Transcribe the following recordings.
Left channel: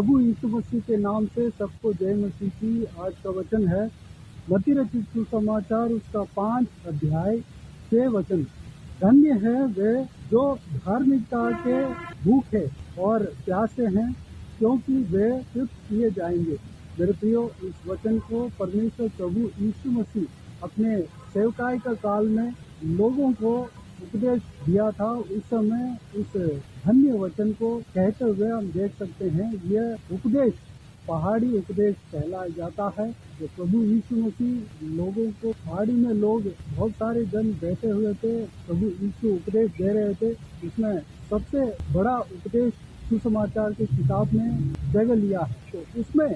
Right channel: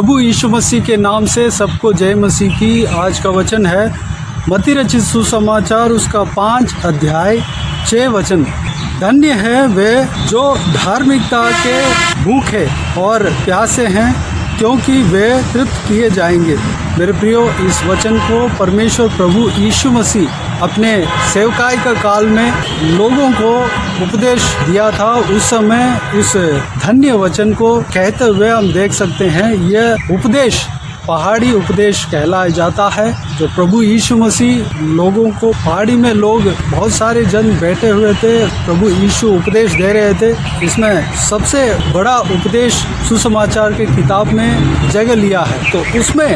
प्रभु यीशु मसीह के नाम से सबको जय मसीह की। आज का वचन है मत्ती रचित सुसमाचार उसका 5 अध्याय 6 वचन। धन्य है वे जो धार्मिकता के भूखे और प्यासे हैं, क्योंकि वे तृप्त किए जाएंगे। मेरे प्रियो, इस वचन को परमेश्वर प्रभु यीशु मसीह अपने सेवकाई का काल में लोगों को उपदेश दिया था। उस समय इस धन्य वचन को कहते हुए हम देख सकते हैं यह उपदेश पहाड़ी उपदेश कहलाया जाता है। जो प्रभु यीशु मसीह लोगों को, पहाड़ी में लोग बहुत सारे जन बैठे हुए थे, प्रभु यीशु उपदेश दे रहे थे। इसमें सबसे बड़ा उपदेश सुसमाचार के किताब में जगह लिया है, तो उसमें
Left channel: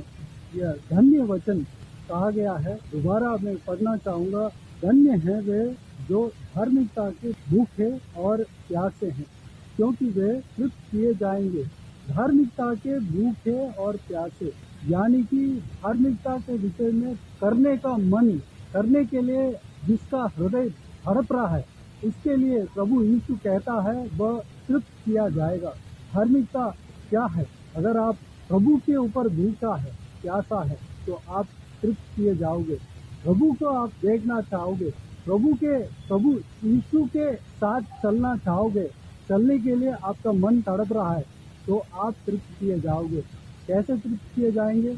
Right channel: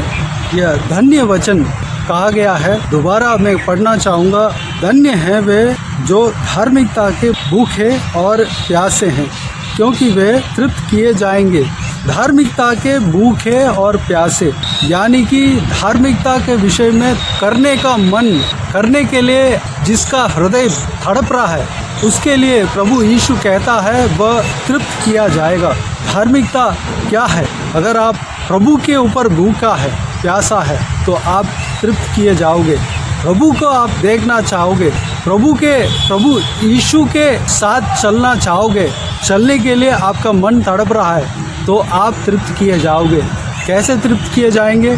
यह धन्य वचन कहा गया है। दोबारा मैं पढ़ना चाहूँगा। धन्य हैं वे जो धार्मिकता के भूखे और प्यासे हैं, क्योंकि वे तृप्त किए जाएंगे। धार्मिकता के भूखे और प्यासे, यानी कि धार्मिकता के विषय में करने का मन, करने के लिए जिसका हृदय तड़प रहा है, उसके लिए प्रभु यीशु कहता है वह तृप्त किया जाएगा। धार्मिकता क्या है? अगर आप प्रभु के ऊपर भूखा है, प्यासा है, तो आप तृप्त किए जाओगे। प्रभु को आप देखना चाहोगे, प्रभु यीशु के साथ चलना चाहोगे, चलने के लिए आपका मन तड़प रहा है, तो आप तृप्त किए जाओगे। कैसे तृप्त किए जाएंगे?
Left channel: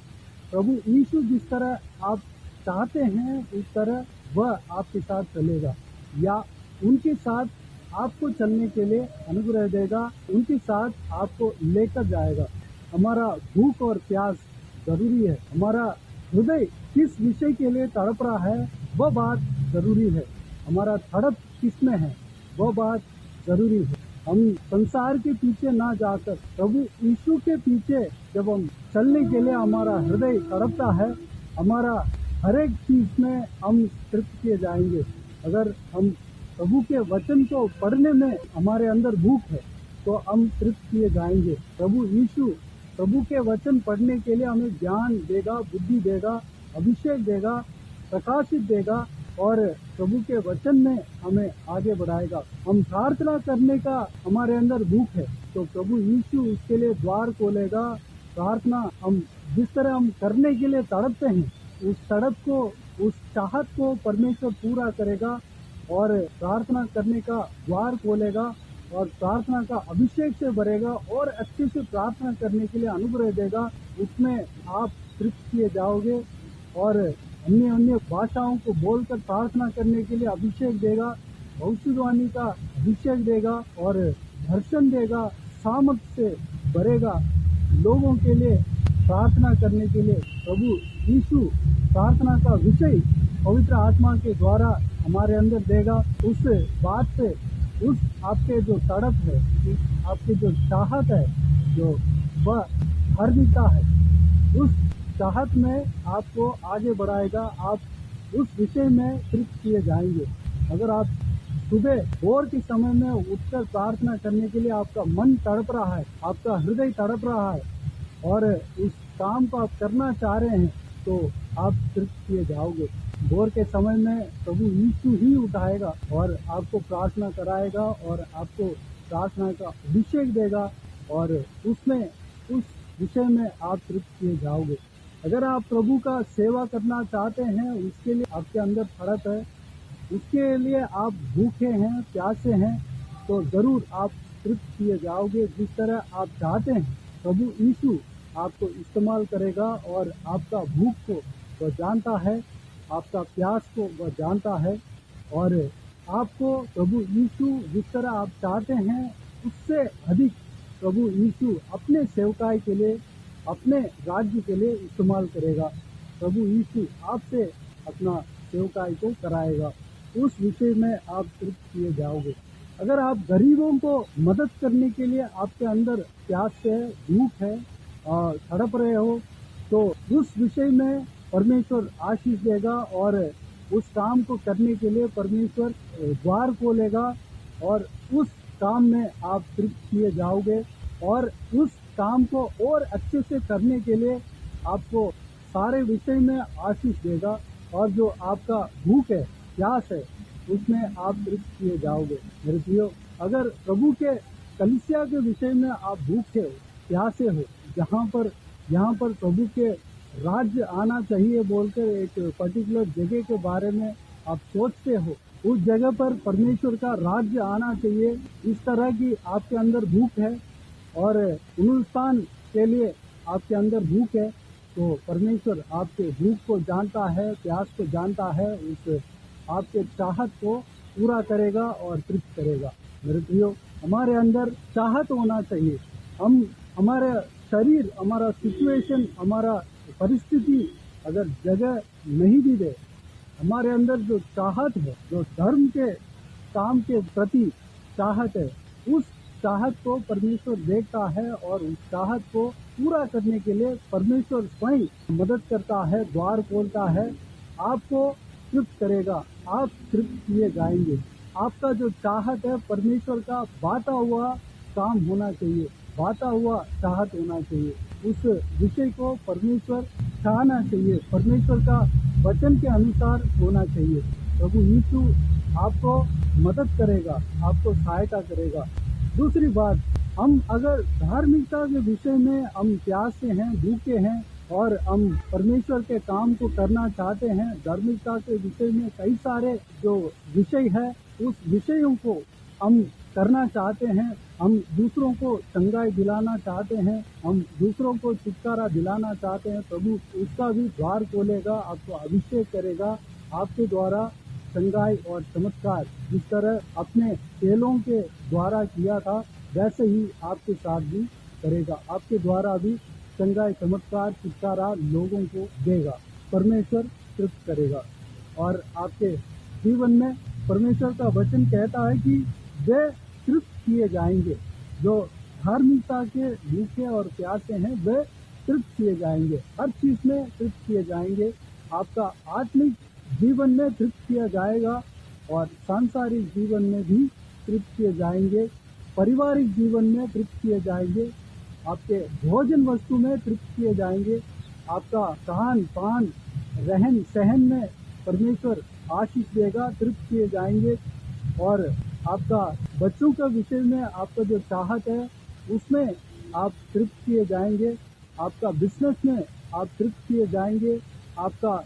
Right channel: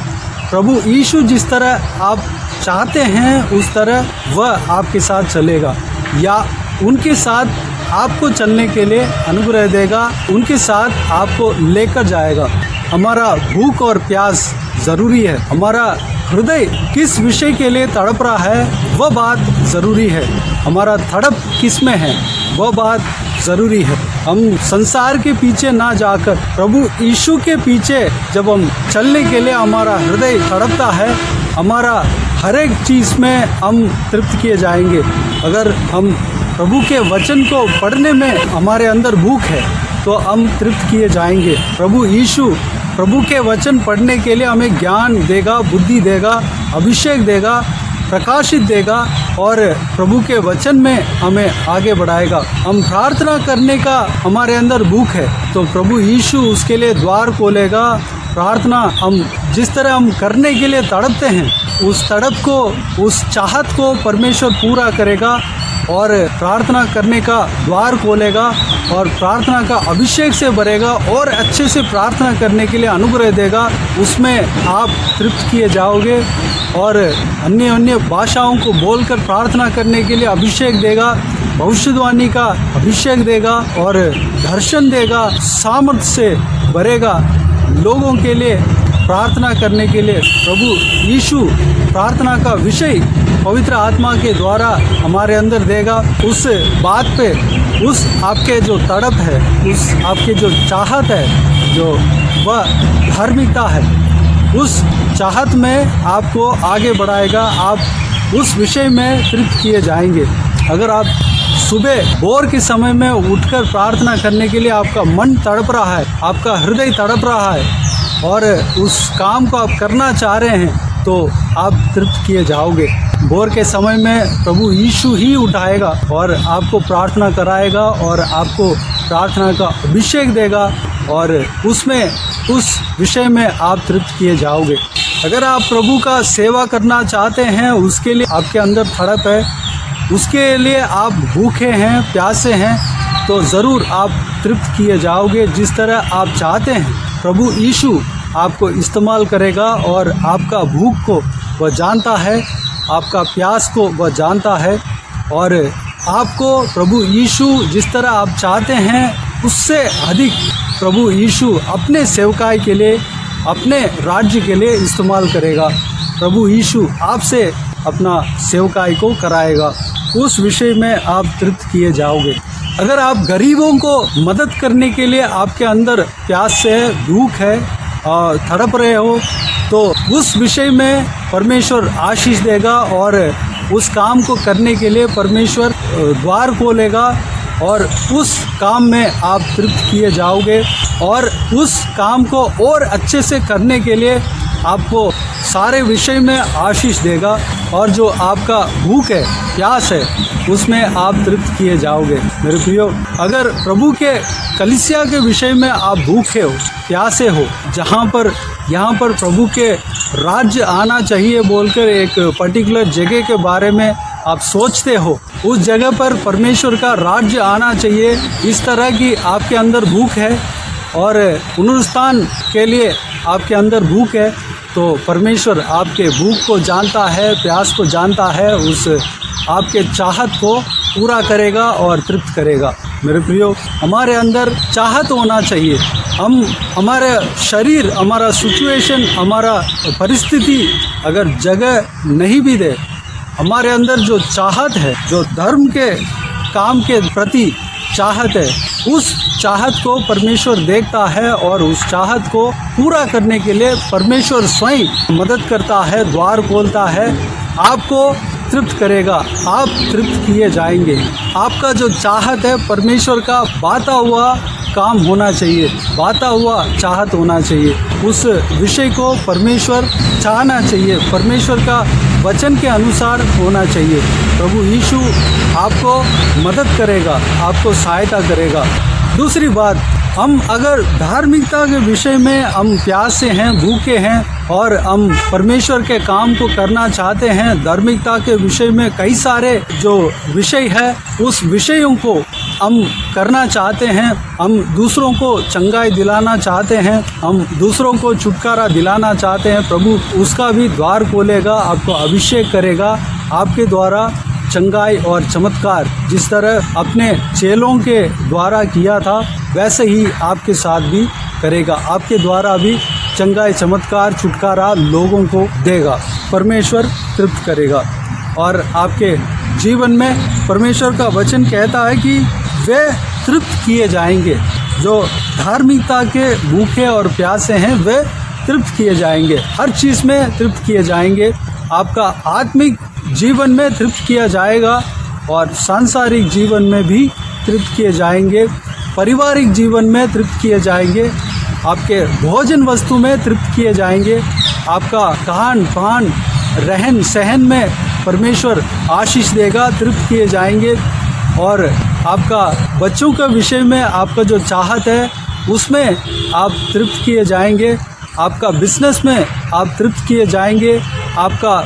प्रभु यीशु जिस तरह आप चाहते हैं उस तरह वह आपके साथ चलेगा, या उनके साथ आपको चलने के लिए अनुग्रह देगा, उनके साथ आपको लेकर जाएगा। हमारा भूख और प्यास ज़रूरी है। हमारा हृदय किस विषय के लिए तड़प रहा है वह बात ज़रूरी है। हमारा तड़प किस में है वह बात ज़रूरी है। हम संसार के पीछे ना जाकर प्रभु यीशु के पीछे जब हम चलने के लिए हमारा हृदय तड़पता है, हमारा हर एक चीज़ में हम तृप्त किए जाएंगे। अगर हम प्रभु के वचन को पढ़ने में हमारे अंदर भूख है तो हम तृप्त किए जाएंगे। प्रभु यीशु प्रभु के वचन पढ़ने के लिए हमें ज्ञान देगा, बुद्धि देगा, अभिषेक देगा, प्रकाशित देगा और प्रभु के वचन में हमें आगे बढ़ाएगा। हम प्रार्थना करने का हमारे अंदर भूख है तो प्रभु यीशु उसके लिए द्वार खोलेगा। प्रार्थना हम जिस तरह हम करने के लिए तड़पते हैं, उस तड़प को, उस चाहत को परमेश्वर पूरा करेगा और प्रार्थना करने का द्वार खोलेगा और प्रार्थना का अभिषेक से भरेगा और अच्छे से प्रार्थना करने के लिए अनुग्रह देगा। उसमें आप तृप्त किए जाओगे और अन्य भाषाओं को बोलकर प्रार्थना करने के लिए अभिषेक देगा, भविष्यवाणी का अभिषेक देगा और दर्शन देगा, सामर्थ्य से भरेगा। लोगों के लिए प्रार्थना करने के लिए प्रभु यीशु प्रार्थना का विषय पवित्र आत्मा के द्वारा हमारे अंदर देगा। उस बात पे, उस आपके जो तड़प है, उस आपके जो चाहत है, जो वह धार्मिकता है, उस चाहत में आपको आगे बढ़ाएगा। आप उस विषय में तृप्त किए जाएंगे। अगर आप सुबह भोर के समय में उठकर प्रार्थना करने के लिए आपका मन तड़प रहा है, आपका हृदय तड़प रहा है और उस काम को आप करना चाह रहे हैं, तो आप तृप्त किए जाओगे। भोर के समय में प्रभु यीशु ही उठाएगा और आपको प्रार्थना कराएगा और आपको प्रार्थना का अभिषेक देगा और उसमें, उस विषय में आप तृप्त किए जाओगे। अगर आप प्रभु का सेवा करना चाहते हैं, उसके लिए आपके अंदर तड़प है, उसके लिए आप भूखे हैं, प्यासे हैं, तो ज़रूर आप तृप्त किए जाओगे। जिस तरह आप चाहते हैं प्रभु यीशु आपको इस्तेमाल करेगा और आपका भूख को वह जानता है, आपका प्यास को वह जानता है और आपको प्रभु यीशु जिस तरह आप चाहते हैं उससे अधिक प्रभु यीशु अपने सेवकाई के लिए, अपने राज्य के लिए इस्तेमाल करेगा। प्रभु यीशु आपसे अपना सेवकाई को कराएगा। उस विषय में आप तृप्त किए जाओगे। अगर आप गरीबों को मदद करने के लिए आपके अंदर प्यास है, भूख है और तड़प रहे हो, तो उस विषय में परमेश्वर आशीष देगा और उस काम को करने के लिए परमेश्वर द्वार खोलेगा और उस काम में आप तृप्त किए जाओगे और उस काम को और अच्छे से करने के लिए आपको सारे विषय में आशीष देगा। और जो आपका भूख है, प्यास है, उसमें आप तृप्त किए जाओगे। मेरे प्रियो, अगर प्रभु के कलीसिया के विषय में आप भूखे हो, प्यासे हो, यहाँ पर प्रभु के राज्य आना चाहिए बोलकर एक पर्टिकुलर जगह के बारे में आप सोचते हो, उस जगह पर परमेश्वर का राज्य आना चाहिए, इस तरह की आपके अंदर भूख है और पुनरुत्थान के लिए आपके अंदर भूख है, तो परमेश्वर आपके भूख को जानता है, प्यास को जानता है, उस आपके चाहत को पूरा करेगा और तृप्त करेगा। मेरे प्रियो, हमारे अंदर चाहत होना चाहिए। हमारे शरीर, हमारा सिचुएशन, हमारा परिस्थिति अगर जगह नहीं भी दे, हमारे अंदर जो चाहत है, जो धर्म के काम के प्रति चाहत है, उस चाहत को परमेश्वर देखता है और उस चाहत को पूरा करने के लिए परमेश्वर स्वयं मदद करता है, द्वार खोलता है, आपको तृप्त करेगा, आप तृप्त किए जाएंगे। आपका जो चाहत है, परमेश्वर का बाता हुआ काम होना चाहिए, बाता हुआ चाहत होना चाहिए, उस विषय को परमेश्वर चाहना चाहिए, परमेश्वर का वचन के अनुसार होना चाहिए। प्रभु यीशु आपको मदद करेगा, आपको सहायता करेगा। दूसरी बात, हम अगर धार्मिकता के विषय में हम प्यासे हैं, भूखे हैं और हम परमेश्वर के काम को करना चाहते हैं, धार्मिकता के विषय में कई सारे जो विषय है, उस विषयों को हम करना चाहते हैं, हम दूसरों को चंगाई दिलाना चाहते हैं, हम दूसरों को छुटकारा दिलाना चाहते हैं, प्रभु उसका भी द्वार खोलेगा, आपको अभिषेक करेगा, आपके द्वारा चंगाई और चमत्कार जिस तरह अपने चेलों के द्वारा किया था, वैसे ही आपके साथ भी करेगा, आपके द्वारा भी चंगाई, चमत्कार, छुटकारा लोगों को देगा, परमेश्वर तृप्त करेगा। और आपके जीवन में परमेश्वर का वचन कहता है कि वे तृप्त किए जाएंगे, जो धार्मिकता के भूखे और प्यासे हैं वे तृप्त किए जाएंगे, हर चीज़ में तृप्त किए जाएंगे, आपका आत्मिक जीवन में तृप्त किया जाएगा और सांसारिक जीवन में भी तृप्त किए जाएंगे, पारिवारिक जीवन में तृप्त किए जाएंगे, आपके भोजन वस्तु में तृप्त किए जाएंगे, आपका खान पान रहन सहन में परमेश्वर आशीष देगा, तृप्त किए जाएंगे। और आपका बच्चों का विषय में आपका जो चाहत है उसमें आप तृप्त किए जाएंगे, आपका बिजनेस में आप तृप्त किए जाएंगे, आपका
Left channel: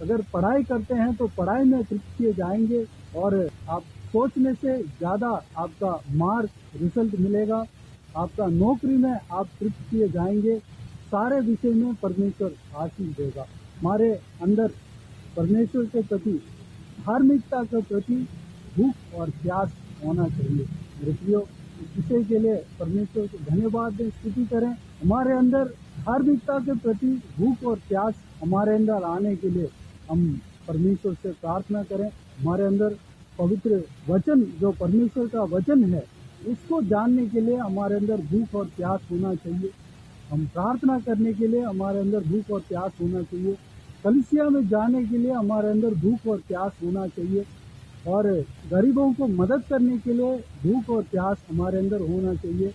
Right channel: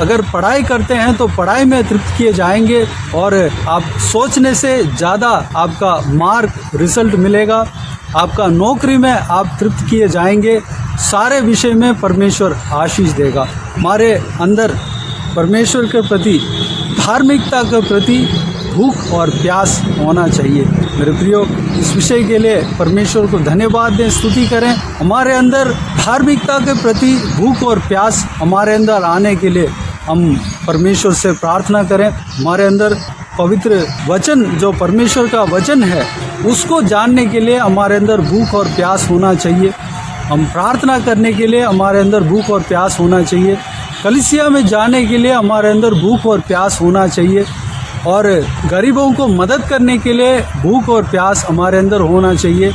अगर पढ़ाई करते हैं तो पढ़ाई में तृप्त किए जाएंगे और आप सोचने से ज़्यादा आपका मार्क रिजल्ट मिलेगा, आपका नौकरी में आप तृप्त किए जाएंगे, सारे विषय में परमेश्वर आशीष देगा। हमारे अंदर परमेश्वर के प्रति, धार्मिकता के प्रति भूख और प्यास होना चाहिए। मेरे प्रियो, इस विषय के लिए परमेश्वर को धन्यवाद दें, स्तुति करें। हमारे अंदर धार्मिकता के प्रति भूख और प्यास हमारे अंदर आने के लिए हम परमेश्वर से प्रार्थना करें। हमारे अंदर पवित्र वचन, जो परमेश्वर का वचन है, उसको जानने के लिए हमारे अंदर भूख और प्यास होना चाहिए। हम प्रार्थना करने के लिए हमारे अंदर भूख और प्यास होना चाहिए। कलीसिया में जाने के लिए हमारे अंदर भूख और प्यास होना चाहिए और गरीबों को मदद करने के लिए भूख और प्यास हमारे अंदर होना चाहिए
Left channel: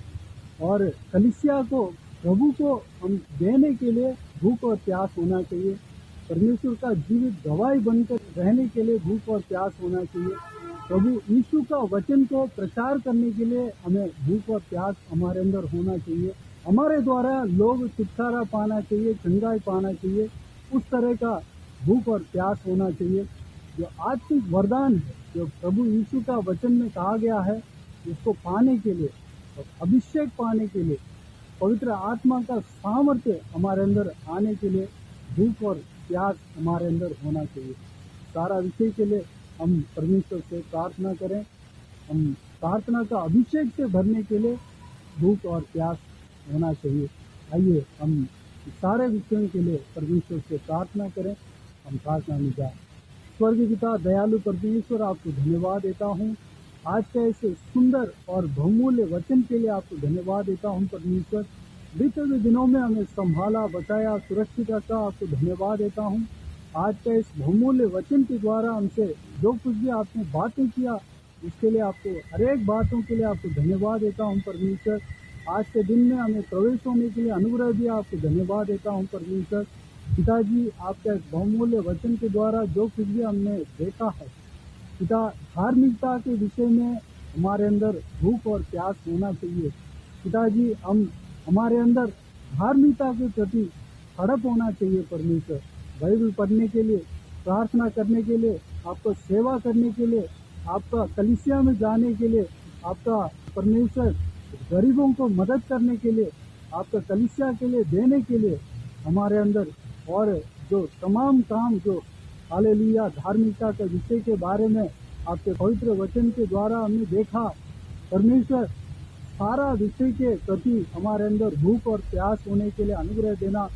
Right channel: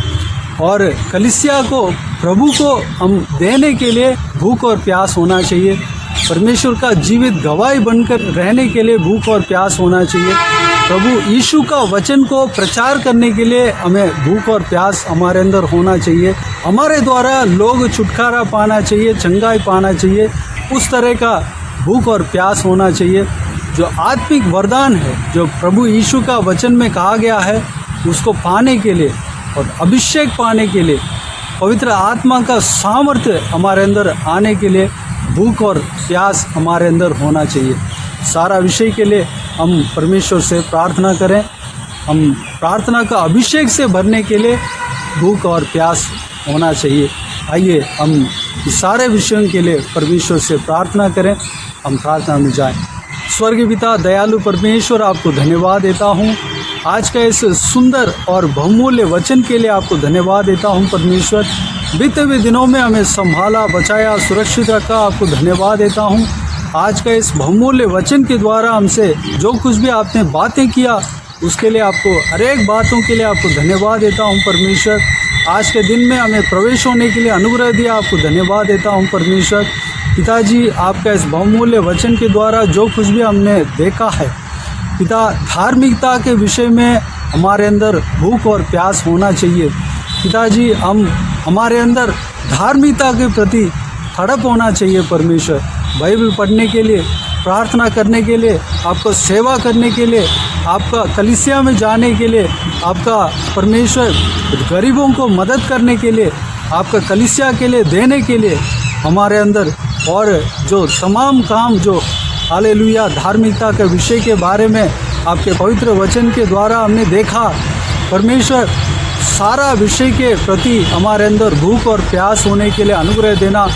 और कलीसिया को, प्रभु को हम देने के लिए भूख और प्यास होना चाहिए। परमेश्वर का जीवित गवाही बनकर रहने के लिए भूख और प्यास होना चाहिए। प्रभु यीशु का वचन को प्रचार करने के लिए हमें भूख और प्यास हमारे अंदर होना चाहिए। हमारे द्वारा लोग छुटकारा पाना चाहिए, चंगाई पाना चाहिए, उस तरह का भूख और प्यास होना चाहिए। जो आत्मिक वरदान है, जो प्रभु यीशु का वचन में कहा गया है, उसको पाने के लिए और अभिषेक पाने के लिए, पवित्र आत्मा का सामर्थ्य हमारे अंदर आने के लिए भूख और प्यास हमारे अंदर होना चाहिए। सारा विषय के लिए हम परमेश्वर से प्रार्थना करें। हम प्रार्थना का अभिषेक से भरने के लिए भूख और प्यास होना चाहिए। आइए हम इस सारे विषयों के लिए परमेश्वर से प्रार्थना करें। हम प्रार्थना में जाएं। स्वर्गीय पिता, दयालु परमेश्वर, आपको धन्यवाद देता हूँ आज का इस सुंदर और बहुमूल्य वचन के लिए। आपको धन्यवाद देता हूँ परमेश्वर, बीते हुए दिनों में हमें संभाला, बचाया, सुरक्षित रखा। आपको धन्यवाद देता हूँ आज का इस बहुमूल्य वचन के द्वारा हमसे जो कुछ भी आपने बातें किया, उसके लिए आपको, हर एक बातों के लिए आपको धन्यवाद देता हूँ परमेश्वर। आज के दिन में हमें प्रवेश होने के लिए अनुग्रह दिया। आपको धन्यवाद देता हूँ परमेश्वर। पिताजी, आपका इस बहुमूल्य वचन के द्वारा जो कुछ भी हमने देखा है पिता, धार्मिकता के विषय में हमारे अंदर भूख और प्यास होना चाहिए। पिताजी, हमारे अंदर धार्मिकता के प्रति तड़प होना चाहिए परमेश्वर। बाइबल पढ़ने के लिए, प्रार्थना करने के लिए, आपको सेवा करने के लिए, आपका कलीसिया में जाने के लिए, आपका परमेश्वर गरीबों को मदद करने के लिए, आपका कलीसिया के लिए देने के लिए हमारे अंदर, और जो तमाम काम जो हालेलुया धार्मिकता के विषय के बारे में आपके पवित्र वचन के द्वारा हमने देखा परमेश्वर, सारा विषय के प्रति हमारे अंदर भूख और प्यास होने के लिए अनुग्रह देना।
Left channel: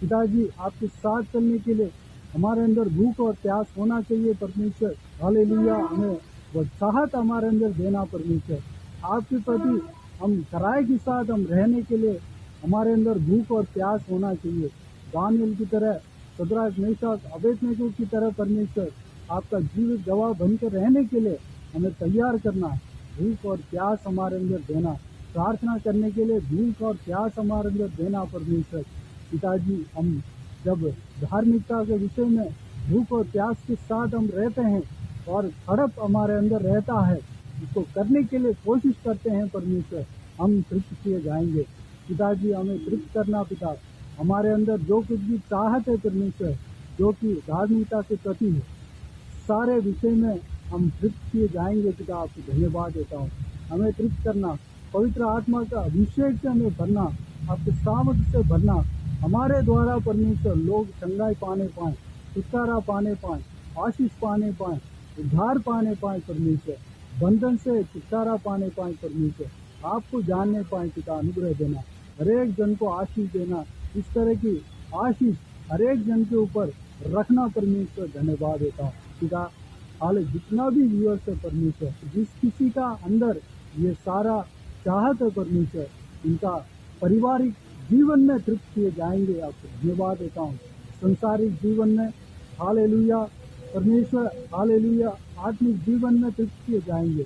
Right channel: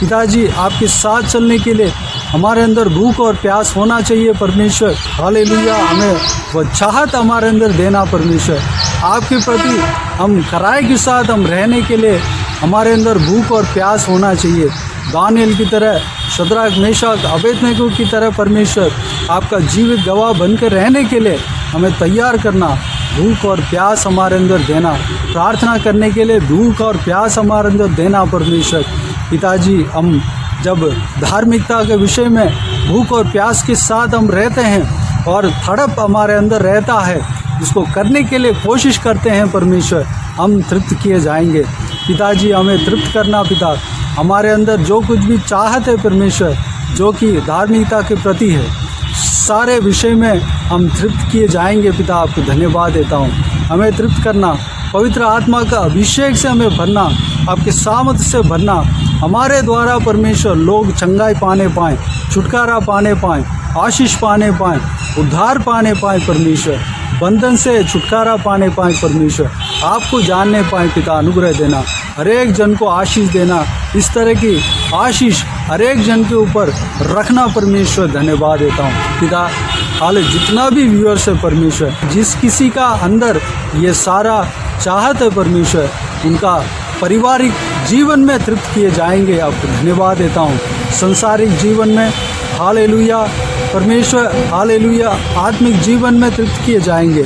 पिताजी, आपके साथ चलने के लिए हमारे अंदर भूख और प्यास होना चाहिए परमेश्वर। हालेलुया, हमें वह चाहत हमारे अंदर देना परमेश्वर। आपके प्रति हम कराए के साथ हम रहने के लिए हमारे अंदर भूख और प्यास होना चाहिए। दानियल की तरह, शद्रक, मेशक, अबेदनगो की तरह परमेश्वर आपका जीवित गवाह बनकर रहने के लिए हमें तैयार करना। भूख और प्यास हमारे अंदर देना, प्रार्थना करने के लिए भूख और प्यास हमारे अंदर देना परमेश्वर। पिताजी, हम जब धार्मिकता के विषय में भूख और प्यास के साथ हम रहते हैं और तड़प हमारे अंदर रहता है, इसको करने के लिए कोशिश करते हैं परमेश्वर, हम तृप्त किए जाएंगे। पिताजी, हमें तृप्त करना पिता, हमारे अंदर जो कुछ भी चाहत है परमेश्वर, जो कि धार्मिकता के प्रति है, सारे विषय में हम तृप्त किए जाएंगे पिता। आपको धन्यवाद देता हूँ। हमें तृप्त करना, पवित्र आत्मा का अभिषेक से हमें भरना, आपके सामर्थ से भरना, हमारे द्वारा परमेश्वर लोग चंगाई पाने पाएँ, छुटकारा पाने पाएँ, आशीष पाने पाएँ, उद्धार पाने पाएँ परमेश्वर, बंधन से छुटकारा पाने पाएँ परमेश्वर, आपको जानने पाएँ पिता। अनुग्रह देना, हर एक जन को आशीष देना, इस तरह की आशीष हर एक जन के ऊपर रखना परमेश्वर। धन्यवाद देता हूँ पिता। हाल जितना भी व्यूअर्स है परमेश्वर, जिस किसी का अंदर ये सारा चाहत है परमेश्वर, उनका पारिवारिक जीवन में तृप्त किए जाएंगे। आपको धन्यवाद देता हूँ। संसारिक जीवन में हालेलुया परमेश्वर, हालेलुया आत्मिक जीवन में तृप्त किए जाएंगे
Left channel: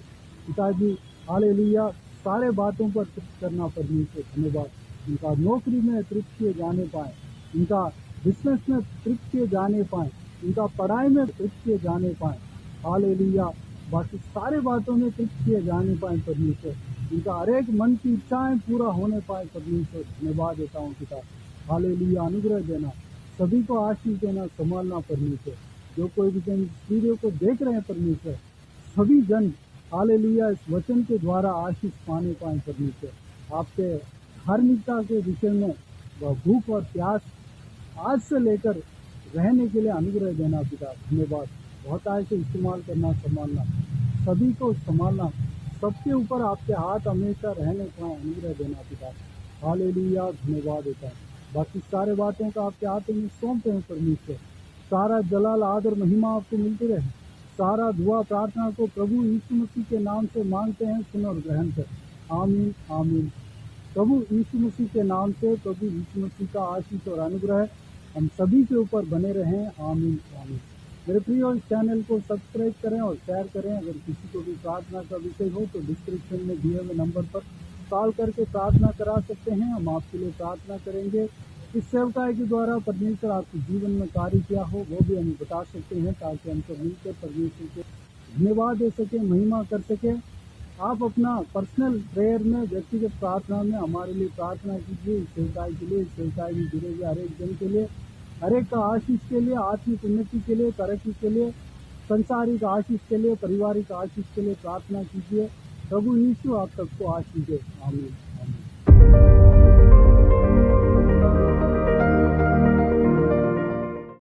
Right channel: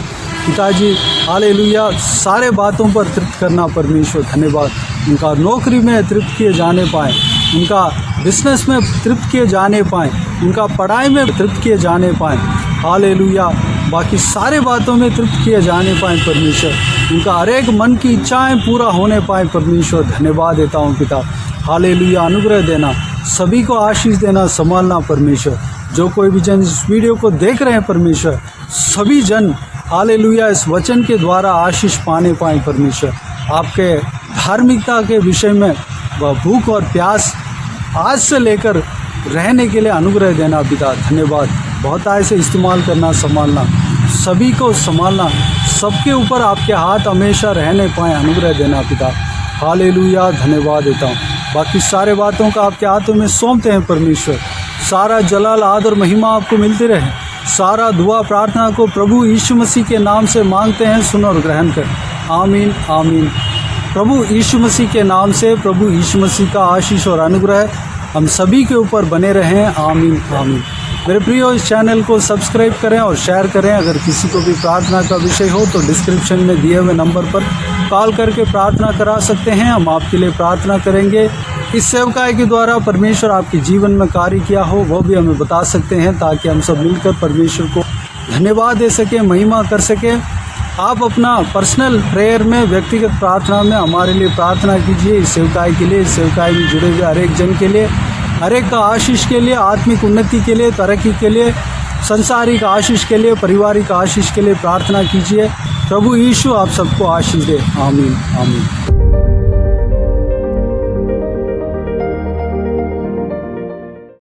पिताजी। हालेलुया सारे बातों पर तृप्त करना परमेश्वर। धन्यवाद। उनका नौकरी में तृप्त किए जाने पाएँ, उनका बिजनेस में तृप्त किए जाने पाएँ, उनका पढ़ाई में तृप्त किए जाने पाएँ। हालेलुया बाकी सारे बातों में तृप्त किए जाने पाएँ परमेश्वर। उनका हर एक मन की इच्छाएं पूरा होने पाए परमेश्वर। धन्यवाद देता हूँ पिता। हालेलुया अनुग्रह देना, सभी को आशीष देना, संभालना परमेश्वर। जो कोई भी जन इस वीडियो को देख रहे हैं परमेश्वर, सभी जन हालेलुया इस वचन के द्वारा आशीष पाने पाए परमेश्वर। आपके धार्मिकता के विषय में वह भूख और प्यास आज से लेकर रहने के लिए अनुग्रह देना पिता। धन्यवाद। बहुत आय से इस्तेमाल करना, संभालना, सभी को संभालना, सबके ऊपर आपके हाथ हमेशा रहने पाए, अनुग्रह देना पिता। हालेलुया धन्यवाद देता हूँ। बाकी सारे बातों का आपके हाथों में सौंपते हैं परमेश्वर। सारा जलाल, आदर, महिमा आपको मिलती रहे। सारा दुआ प्रार्थना को प्रभु यीशु मसीह के नाम से मांगते हैं, सुनो और ग्रहण कर। आमीन आमीन। प्रभु यीशु मसीह के नाम से प्रभु यीशु मसीह का आशीष और अनुग्रह हम सभी के ऊपर बने रहें। आमीन आमीन। मेरे प्रियो, इस चैनल को सब्सक्राइब करें और शेयर करें। अगर किसी को भी प्रार्थना का विषय हो तो डिस्क्रिप्शन में दिए हुए नंबर पर कॉल करके प्रार्थना करा सकते हैं। हम आपके लिए प्रार्थना करेंगे। इस सेवकाई के द्वारा परमेश्वर आपके जीवन में कार्य किया हो वो भी हमें बता सकते हैं, ताकि हम सब मिलकर परमेश्वर को धन्यवाद दे सकें, महिमा कर सकें। आप अपना पर्सनल प्रेयर में, व्यक्तिगत प्रार्थना में हमारे लिए प्रार्थना कीजिए। इस सेवकाई के लिए, इस सेवकाई में जुड़े हुए हर एक जन के लिए, हर एक का आशीष के लिए, आत्मिक उन्नति के लिए, तरक्की के लिए, संसारिक आशीष के लिए, पारिवारिक आशीष के लिए प्रार्थना कीजिए। प्रभु यीशु आप सबको आशीष दे। आमीन आमीन।